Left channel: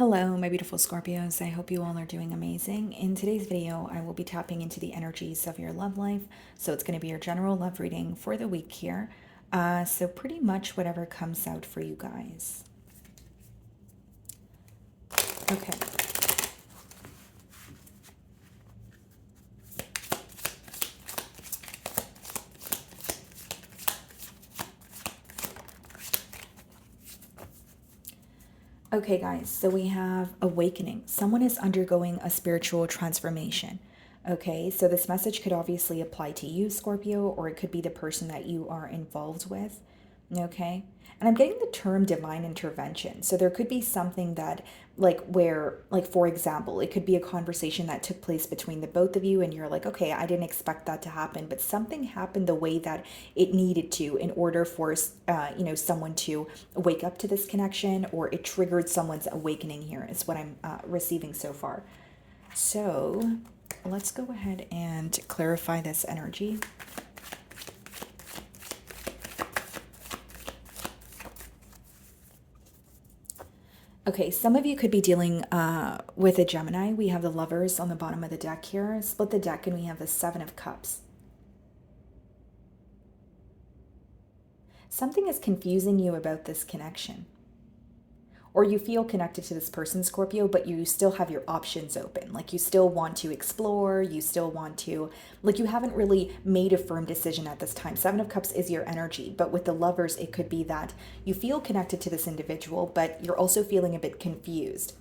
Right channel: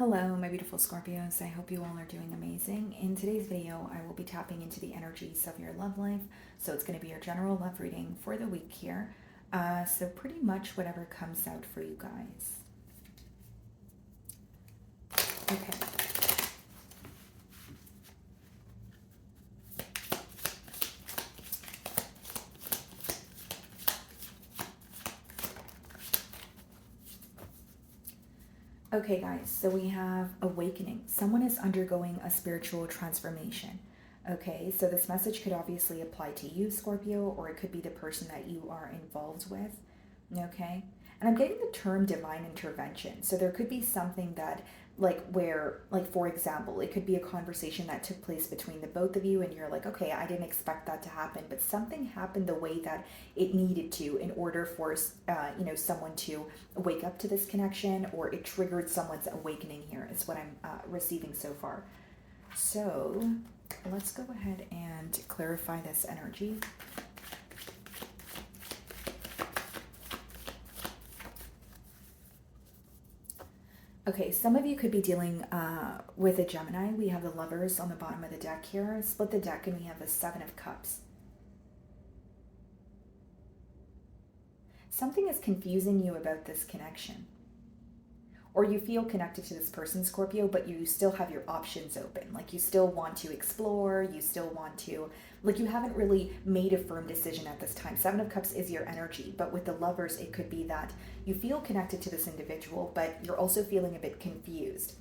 Hello, my beautiful Scorpios. I hope you all are doing amazing. In today's video, I will be tapping into the energies of your love life. So it's going to be your general love reading for the week here. So pretty much whatever comes out for you guys. Okay. Okay, guys, so we have awakening. Someone is undergoing a spiritual transformation. Okay, so this message could obviously apply to you, Scorpio, or it could be the person that you are involved with. Okay, and I'm getting the term divine intervention. So there could be something that, like, where, like, for example, it could be a conversation that took place between the both of you, and you're like, okay, I didn't expect that to happen, but something happened the way that it needed to in order for, someone to wake up to this connection, or it triggered someone's awakening here, is what I'm receiving so far. So let's go ahead and clarify this energy. Okay, some of you could be dealing with a Gemini. We have the Lovers on the bottom of the deck here. Split the deck and we have the Seven of Cups. Something is confusing you about this connection. Or you feel connected to this person, Scorpio, but you still have your options open. Like you still want to explore, you still want to, like you haven't really made a firm decision at this time. Seven of Cups is your energy, but with the Lovers, it could be that you feel connected to this individual, but you're also feeling a bit confused.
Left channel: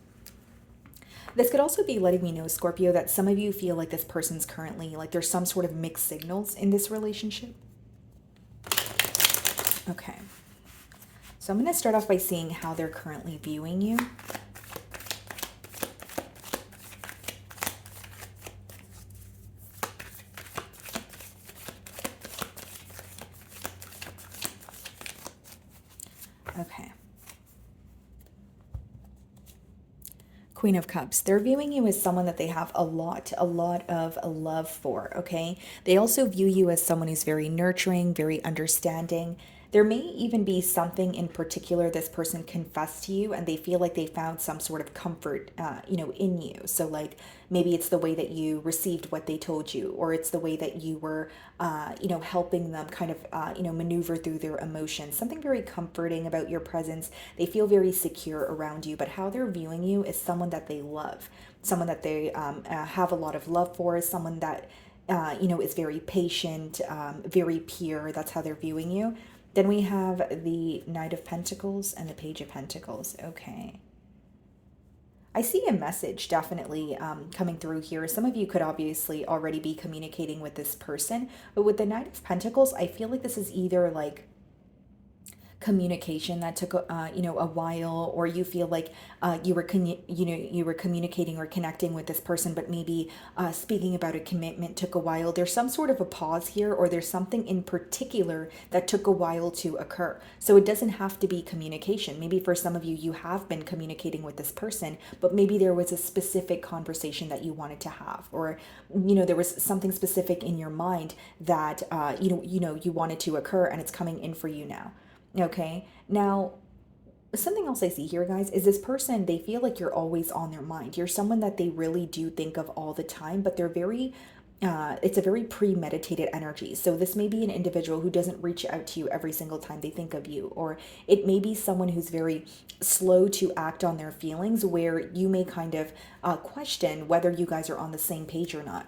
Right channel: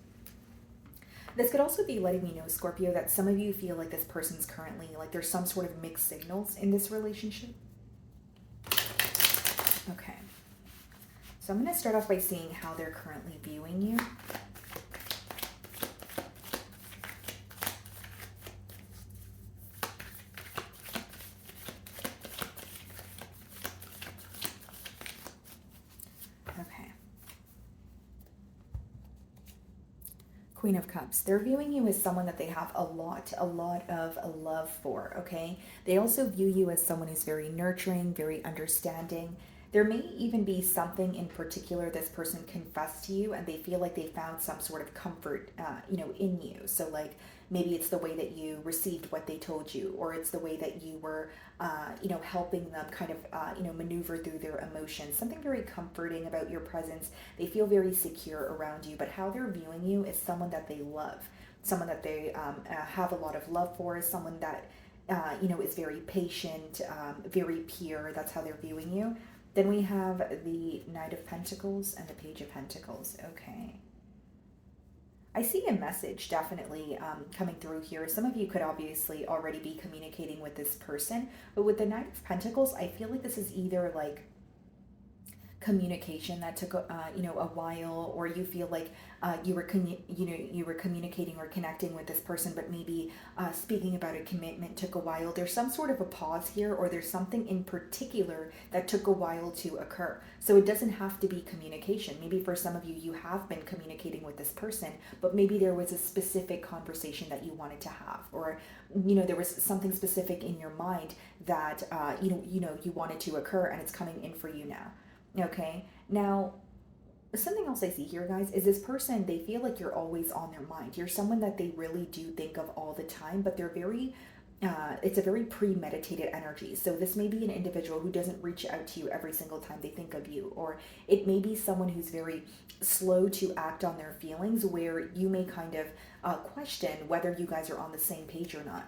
This could also be letting me know, Scorpio, that some of you feel like this person's currently, like there's some sort of mixed signals in this relationship. Okay. So I'm going to start off by seeing how they're currently viewing you. Okay. Queen of Cups. They're viewing you as someone that they have a lot of love for, okay? They also view you as someone who's very nurturing, very understanding. There may even be something in particular this person confessed to you and they feel like they found some sort of comfort, in you. So like maybe it's the way that you received what they told you, or it's the way that you were, helping them kind of, maneuver through their emotions. Something very comforting about your presence. They feel very secure around you, but how they're viewing you is someone that they love, someone that they have a lot of love for, someone that, is very patient, very pure. That's how they're viewing you. Then we have the Knight of Pentacles and the Page of Pentacles. Okay. I see a message definitely coming through here. Some of you could obviously already be communicating with this person, but with the Knight of Pentacles, I feel like this is either like communication that took a while, or you feel like you were communicating or connecting with this person, but maybe speaking about a commitment took a while. There's some sort of a pause here, or there's something in particular that took a while to occur. So it doesn't have to be communication. Maybe for some of you, you have been communicating with this person, but maybe there was a specific conversation that you wanted to have, or there was something specific in your mind that you wanted to occur, and it's coming in for you now. Okay, now something else I see here, guys, is this person, they feel like you're always on their mind. You're someone that they really do think of all the time, but they're very, it's a very premeditated energy. So this may be an individual who doesn't reach out to you every single time they think of you, or it may be someone who's very slow to act on their feelings, where you may kind of question whether you guys are on the same page or not.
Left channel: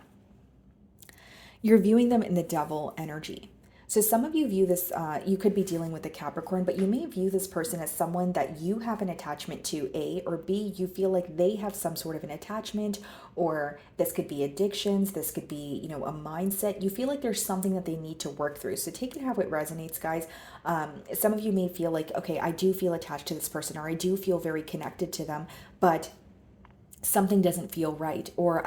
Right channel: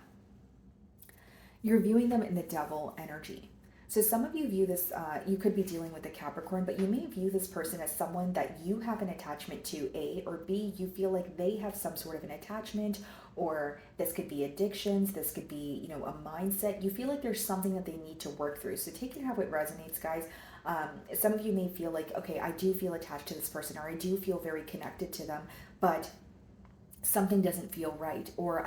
You're viewing them in the Devil energy. So some of you view this, you could be dealing with a Capricorn, but you may view this person as someone that you have an attachment to, A, or B, you feel like they have some sort of an attachment, or this could be addictions, this could be, a mindset. You feel like there's something that they need to work through. So take it how it resonates, guys. Some of you may feel like, okay, I do feel attached to this person, or I do feel very connected to them, but something doesn't feel right, or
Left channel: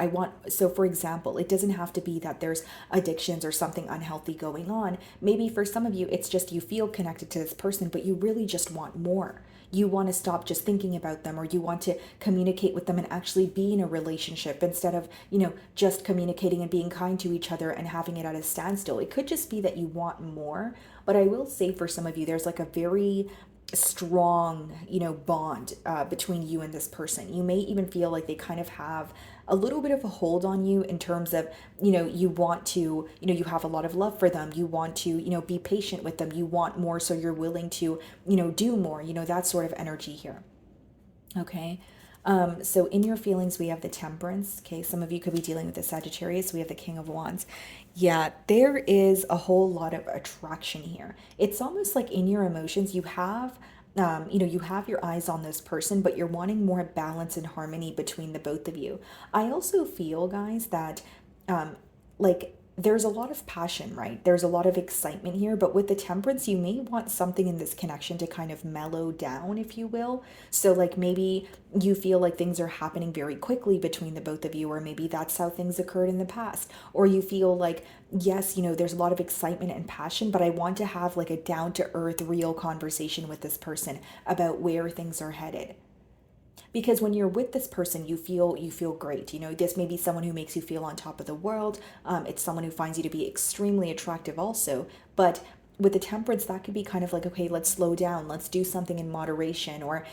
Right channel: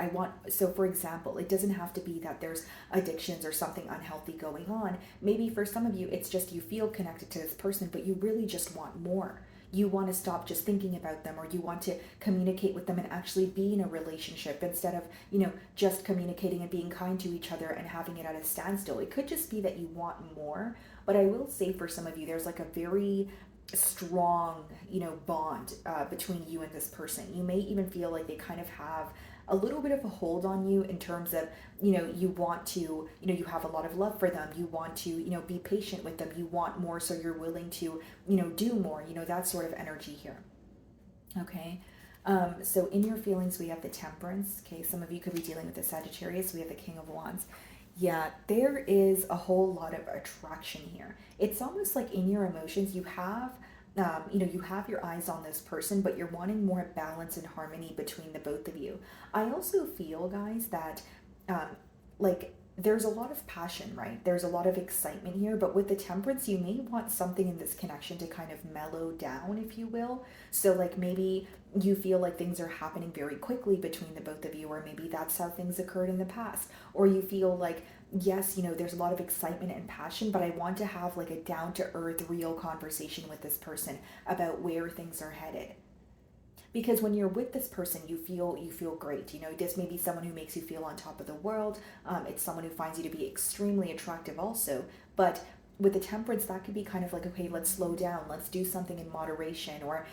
so for example, it doesn't have to be that there's addictions or something unhealthy going on. Maybe for some of you, it's just you feel connected to this person, but you really just want more. You want to stop just thinking about them, or you want to communicate with them and actually be in a relationship instead of, just communicating and being kind to each other and having it at a standstill. It could just be that you want more. But I will say for some of you, there's like a very strong, bond between you and this person. You may even feel like they kind of have a little bit of a hold on you in terms of, you want to, you have a lot of love for them. You want to, be patient with them. You want more, so you're willing to, do more, that sort of energy here. Okay. So in your feelings, we have the Temperance. Okay. Some of you could be dealing with the Sagittarius. We have the King of Wands. Yeah, there is a whole lot of attraction here. It's almost like in your emotions, you have your eyes on this person, but you're wanting more balance and harmony between the both of you. I also feel, guys, that um, like there's a lot of passion, right? There's a lot of excitement here, but with the Temperance, you may want something in this connection to kind of mellow down, if you will. So, like, maybe you feel like things are happening very quickly between the both of you, or maybe that's how things occurred in the past. Or you feel like, yes, there's a lot of excitement and passion, but I want to have like a down to earth, real conversation with this person about where things are headed. Because when you're with this person, you feel great. This may be someone who makes you feel on top of the world. It's someone who finds you to be extremely attractive also. But with the Temperance, that could be kind of like, okay, let's slow down, let's do something in moderation. Or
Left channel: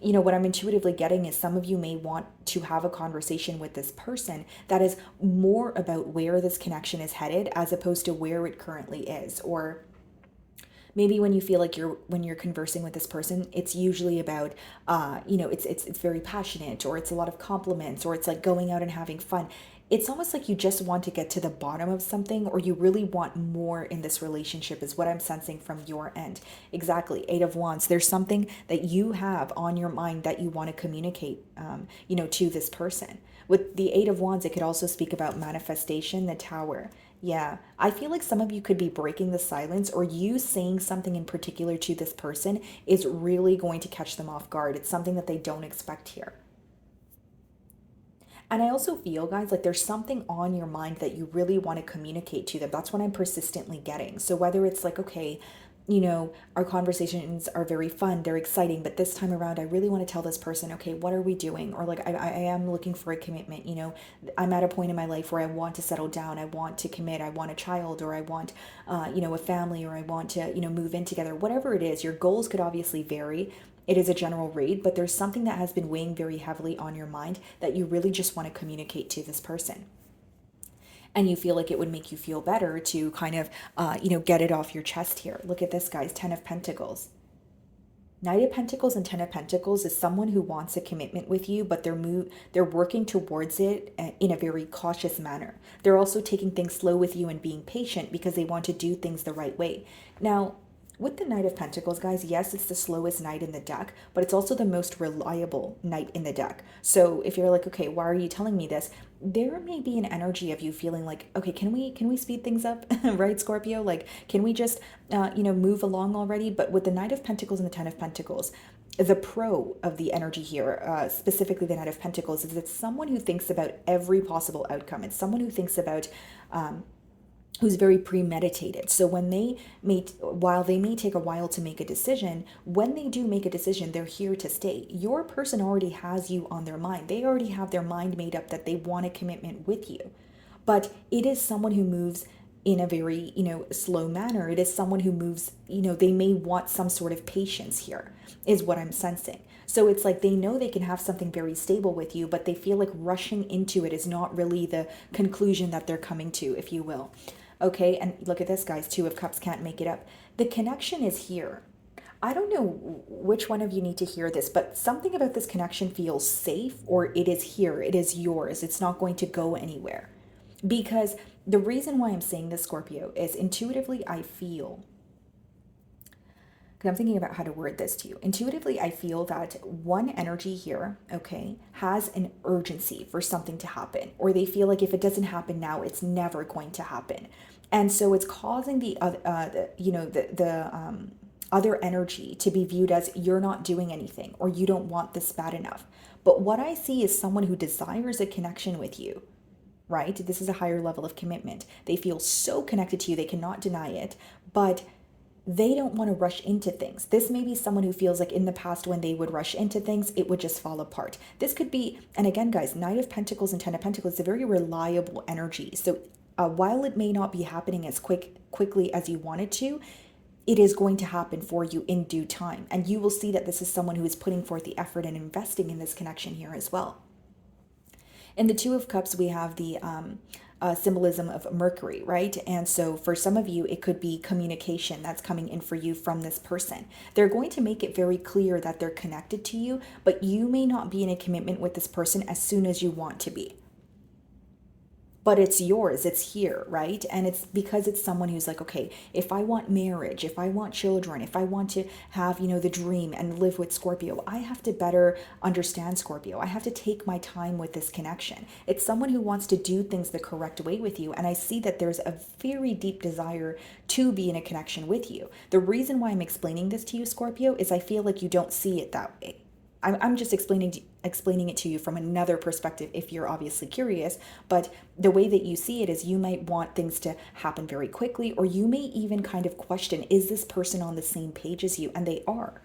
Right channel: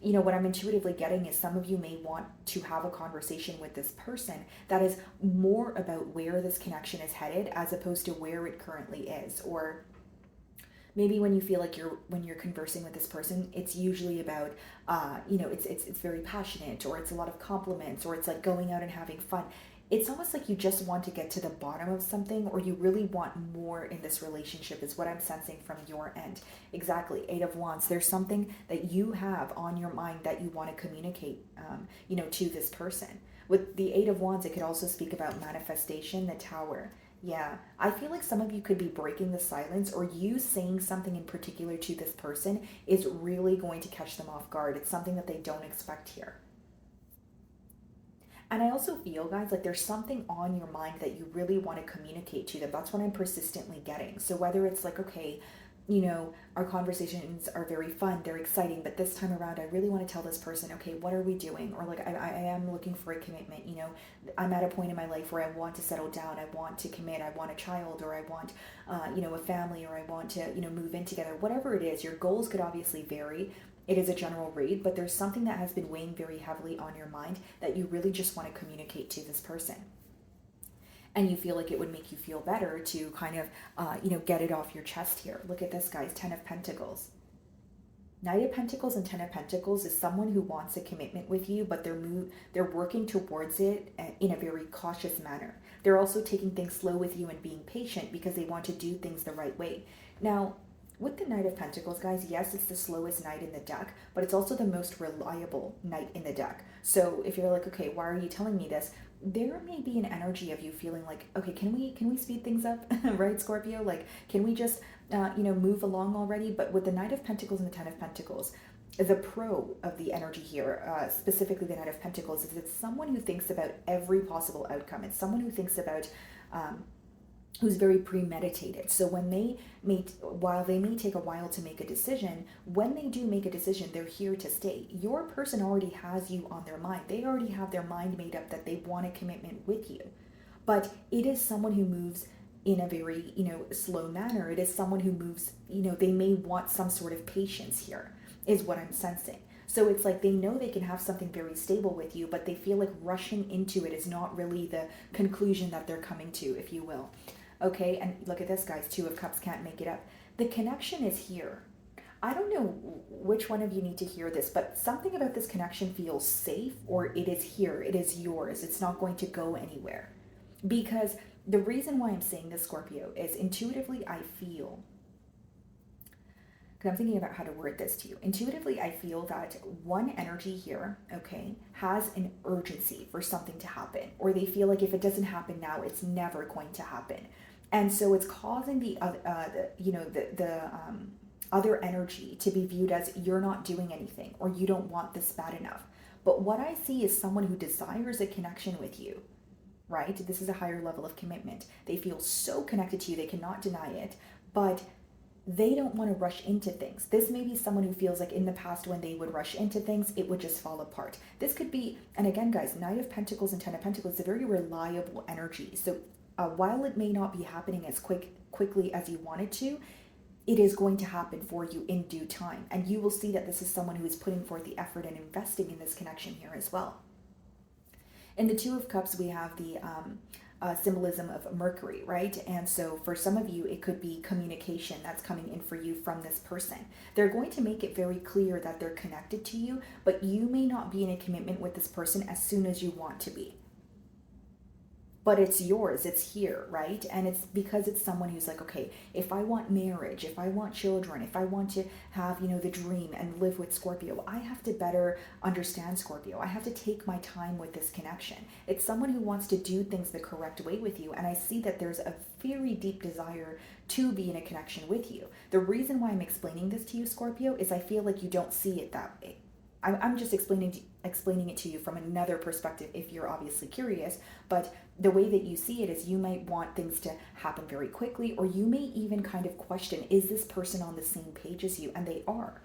what I'm intuitively getting is some of you may want to have a conversation with this person that is more about where this connection is headed as opposed to where it currently is. Or maybe when you feel like when you're conversing with this person, it's usually about it's very passionate, or it's a lot of compliments, or it's like going out and having fun. It's almost like you just want to get to the bottom of something, or you really want more in this relationship, is what I'm sensing from your end. Exactly. Eight of Wands. There's something that you have on your mind that you want to communicate to this person. With the Eight of Wands, it could also speak about manifestation, the Tower. Yeah, I feel like some of you could be breaking the silence, or you saying something in particular to this person is really going to catch them off guard. It's something that they don't expect here. And I also feel, guys, like there's something on your mind that you really want to communicate to them. That's what I'm persistently getting. So whether it's like, okay, our conversations are very fun, they're exciting, but this time around, I really want to tell this person, okay, what are we doing? Or like, I am looking for a commitment. I'm at a point in my life where I want to settle down, I want to commit, I want a child, or I want, a family, or I want to, move in together. Whatever it is, your goals could obviously vary. It is a general read, but there's something that has been weighing very heavily on your mind that you really just want to communicate to this person. And you feel like it would make you feel better to kind of, get it off your chest here. Look at this, guys. Ten of Pentacles. Knight of Pentacles and Ten of Pentacles is someone who wants a commitment with you, but they're working towards it in a very cautious manner. They're also taking things slow with you and being patient because they want to do things the right way. Now, with the Knight of Pentacles, guys, yes, it's the slowest knight in the deck, but it's also the most reliable knight in the deck. So if you're like, okay, why are you telling me this? There may be an energy of you feeling like, okay, can we speed things up, right, Scorpio? Like, can we just, move along already? But with the Knight of Pentacles and the Ten of Pentacles, the pro of the energy here, specifically the Knight of Pentacles, is it's someone who thinks about every possible outcome. It's someone who thinks about, who's very premeditated. So while they may take a while to make a decision, when they do make a decision, they're here to stay. Your person already has you on their mind. They already have their mind made up that they want a commitment with you. But it is someone who moves in a very, slow manner. It is someone who moves, they may want some sort of patience here, is what I'm sensing. So it's like they know they can have something very stable with you, but they feel like rushing into it is not really the conclusion that they're coming to, if you will. Okay, and look at this, guys. Two of Cups can't make it up. The connection is here. I don't know which one of you need to hear this, but something about this connection feels safe, or it is here. It is yours. It's not going to go anywhere. Because the reason why I'm saying this, Scorpio, is intuitively I feel, because I'm thinking about how to word this to you. Intuitively, I feel that one energy here, okay, has an urgency for something to happen, or they feel like if it doesn't happen now, it's never going to happen. And so it's causing the other energy to be viewed as you're not doing anything, or you don't want this bad enough. But what I see is someone who desires a connection with you, right? This is a higher level of commitment. They feel so connected to you, they cannot deny it, but they don't want to rush into things. This may be someone who feels like in the past when they would rush into things, it would just fall apart. This could be, and again, guys, Knight of Pentacles and Ten of Pentacles is a very reliable energy. So while it may not be happening as quickly as you want it to, it is going to happen for you in due time. And you will see that this is someone who is putting forth the effort and investing in this connection here as well. In the Two of Cups, we have the symbolism of Mercury, right? And so for some of you, it could be communication that's coming in for you from this person. They're going to make it very clear that they're connected to you, but you may not be in a commitment with this person as soon as you want to be. But it's yours, it's here, right? And it's because it's someone who's like, okay, if I want marriage, if I want children, if I want to have, the dream and live with Scorpio, I have to better understand Scorpio. I have to take my time with this connection. It's someone who wants to do things the correct way with you. And I see that there's a very deep desire to be in a connection with you. The reason why I'm explaining this to you, Scorpio, is I feel like you don't see it that way. I'm just explaining it to you from another perspective if you're obviously curious, but the way that you see it is you might want things to happen very quickly, or you may even kind of question, is this person on the same page as you? And they are.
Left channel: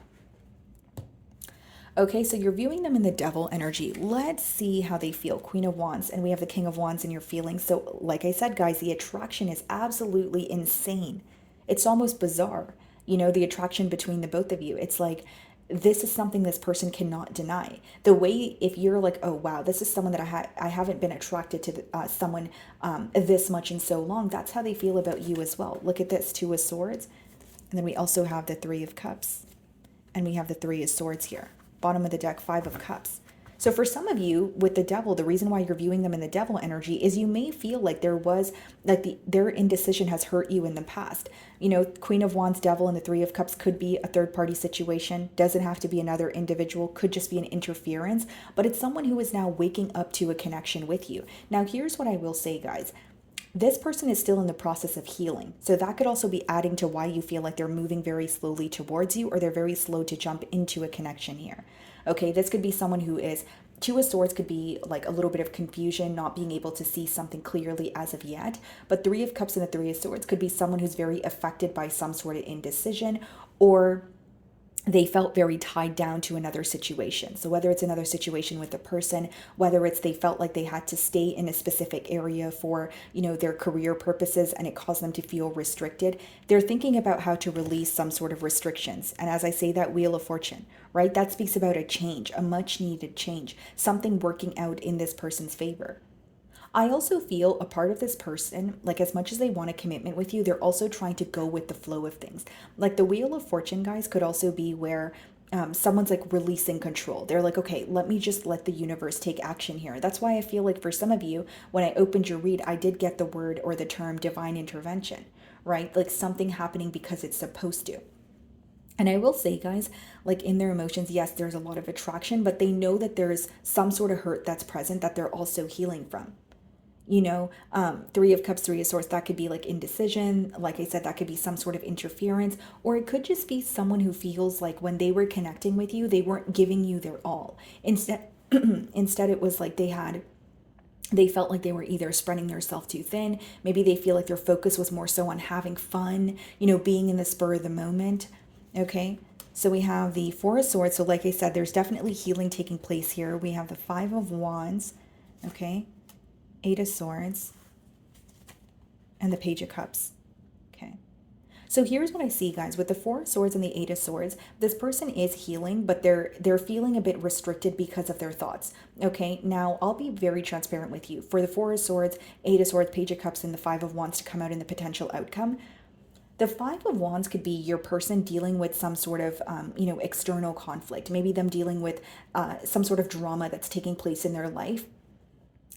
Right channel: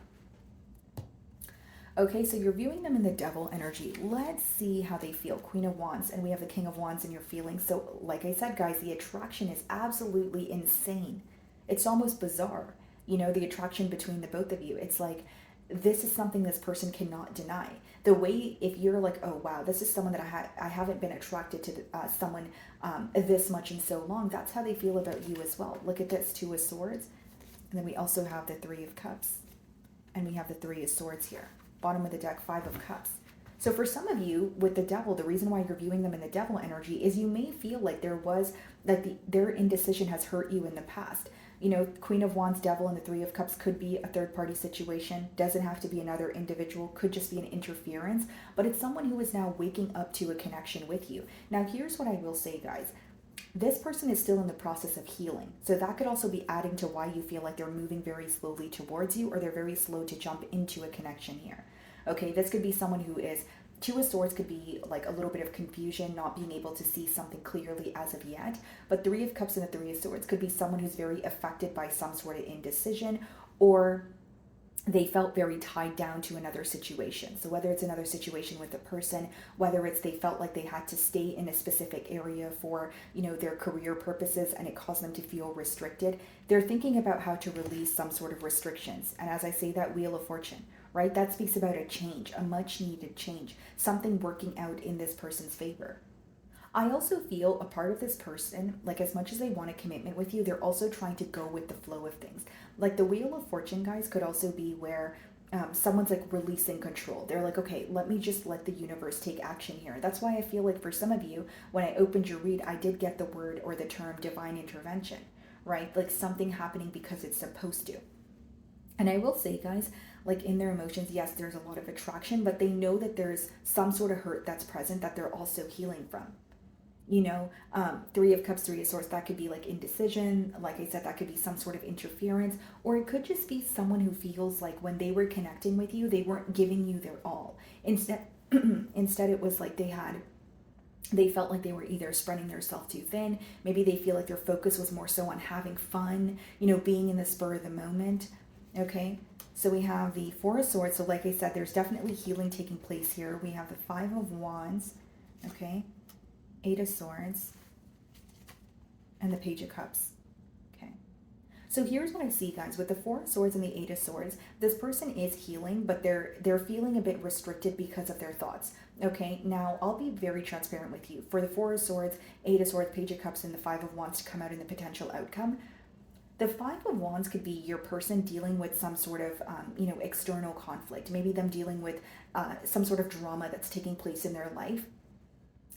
Okay, so you're viewing them in the Devil energy. Let's see how they feel. Queen of Wands, and we have the King of Wands in your feelings. So like I said, guys, the attraction is absolutely insane. It's almost bizarre, the attraction between the both of you. It's like, this is something this person cannot deny. The way, if you're like, oh wow, this is someone that I haven't been attracted to someone this much in so long, that's how they feel about you as well. Look at this, Two of Swords, and then we also have the Three of Cups, and we have the Three of Swords here. Bottom of the deck, Five of Cups. So for some of you with the Devil, the reason why you're viewing them in the Devil energy is you may feel like their indecision has hurt you in the past. Queen of Wands, Devil, and the Three of Cups could be a third party situation. Doesn't have to be another individual, could just be an interference, but it's someone who is now waking up to a connection with you. Now, here's what I will say, guys. This person is still in the process of healing. So that could also be adding to why you feel like they're moving very slowly towards you, or they're very slow to jump into a connection here. Okay, this could be someone who is, Two of Swords could be like a little bit of confusion, not being able to see something clearly as of yet. But Three of Cups and the Three of Swords could be someone who's very affected by some sort of indecision, or they felt very tied down to another situation. So whether it's another situation with a person, whether it's they felt like they had to stay in a specific area for, their career purposes, and it caused them to feel restricted, they're thinking about how to release some sort of restrictions. And as I say, that Wheel of Fortune, right? That speaks about a change, a much needed change, something working out in this person's favor. I also feel a part of this person, like as much as they want a commitment with you, they're also trying to go with the flow of things. Like the Wheel of Fortune, guys, could also be where someone's like releasing control. They're like, okay, let me just let the universe take action here. That's why I feel like for some of you, when I opened your read, I did get the word or the term divine intervention, right? Like something happening because it's supposed to. And I will say, guys, like in their emotions, yes, there's a lot of attraction, but they know that there's some sort of hurt that's present that they're also healing from. Three of Cups, Three of Swords, that could be like indecision. Like I said, that could be some sort of interference, or it could just be someone who feels like when they were connecting with you, they weren't giving you their all. Instead, it was like they felt like they were either spreading themselves too thin. Maybe they feel like their focus was more so on having fun, being in the spur of the moment. Okay. So we have the Four of Swords. So like I said, there's definitely healing taking place here. We have the Five of Wands. Okay. Eight of Swords, and the Page of Cups. Okay. So here's what I see, guys. With the Four of Swords and the Eight of Swords, this person is healing, but they're feeling a bit restricted because of their thoughts. Okay. Now, I'll be very transparent with you. For the Four of Swords, Eight of Swords, Page of Cups, and the Five of Wands to come out in the potential outcome, the Five of Wands could be your person dealing with some sort of, external conflict. Maybe them dealing with some sort of drama that's taking place in their life.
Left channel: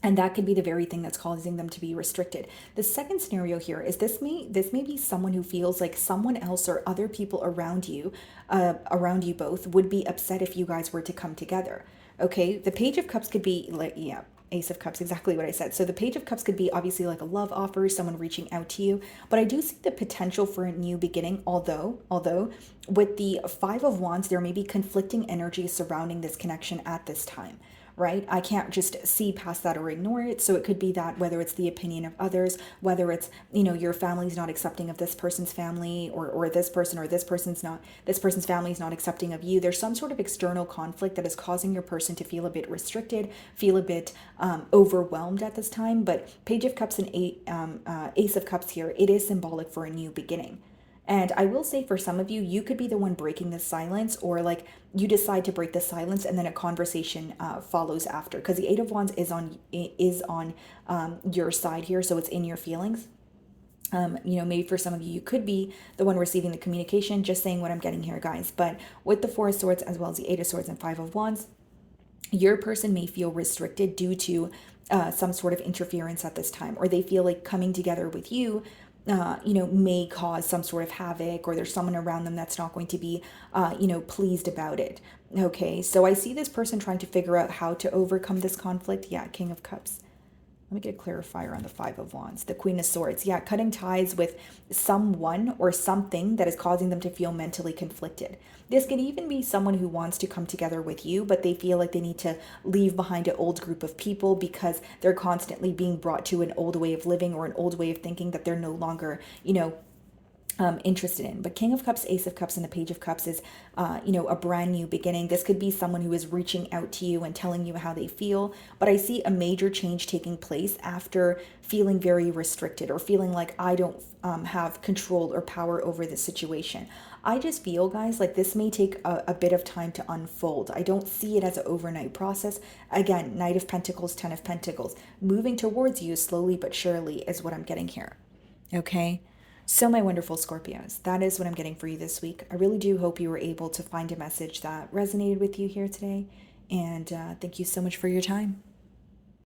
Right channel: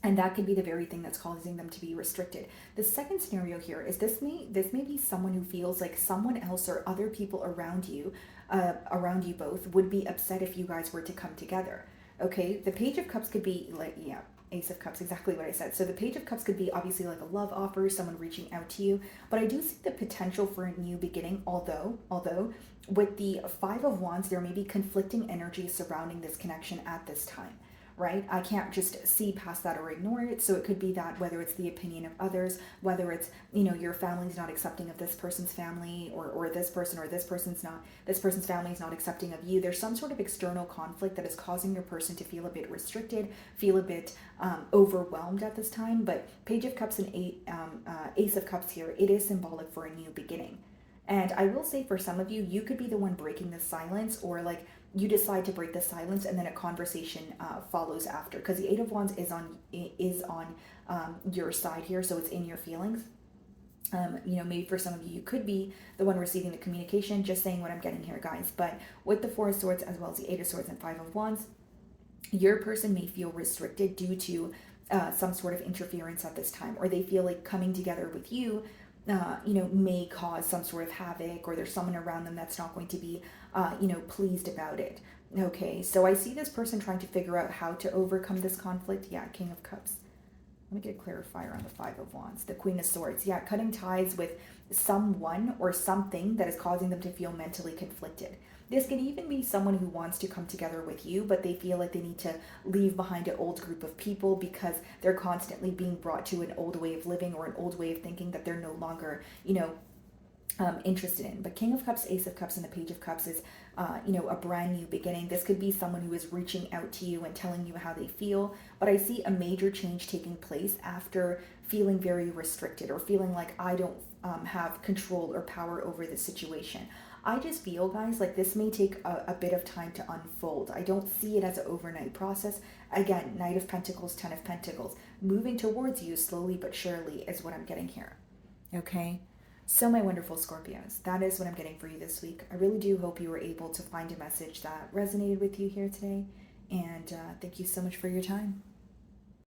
And that could be the very thing that's causing them to be restricted. The second scenario here is this may be someone who feels like someone else or other people around you both would be upset if you guys were to come together. Okay, the Page of Cups could be like, yeah, Ace of Cups, exactly what I said. So the Page of Cups could be obviously like a love offer, someone reaching out to you. But I do see the potential for a new beginning, although with the Five of Wands, there may be conflicting energies surrounding this connection at this time. Right? I can't just see past that or ignore it. So it could be that whether it's the opinion of others, whether it's, your family's not accepting of this person's family, or this person, or this person's family is not accepting of you. There's some sort of external conflict that is causing your person to feel a bit restricted, feel a bit overwhelmed at this time. But Page of Cups and Ace of Cups here, it is symbolic for a new beginning. And I will say, for some of you, you could be the one breaking the silence, or like you decide to break the silence and then a conversation follows after, because the Eight of Wands is on your side here, so it's in your feelings. Maybe for some of you, you could be the one receiving the communication, just saying what I'm getting here, guys. But with the Four of Swords, as well as the Eight of Swords and Five of Wands, your person may feel restricted due to some sort of interference at this time, or they feel like coming together with you, may cause some sort of havoc, or there's someone around them that's not going to be, pleased about it. Okay, so I see this person trying to figure out how to overcome this conflict. Yeah, King of Cups. Let me get a clarifier on the Five of Wands. The Queen of Swords. Yeah, cutting ties with someone or something that is causing them to feel mentally conflicted. This could even be someone who wants to come together with you, but they feel like they need to leave behind an old group of people because they're constantly being brought to an old way of living or an old way of thinking that they're no longer, interested in. But King of Cups, Ace of Cups, and the Page of Cups is, a brand new beginning. This could be someone who is reaching out to you and telling you how they feel. But I see a major change taking place after feeling very restricted or feeling like I don't have control or power over the situation. I just feel, guys, like this may take a bit of time to unfold. I don't see it as an overnight process. Again, Knight of Pentacles, Ten of Pentacles. Moving towards you slowly but surely is what I'm getting here. Okay? So, my wonderful Scorpios, that is what I'm getting for you this week. I really do hope you were able to find a message that resonated with you here today. And thank you so much for your time.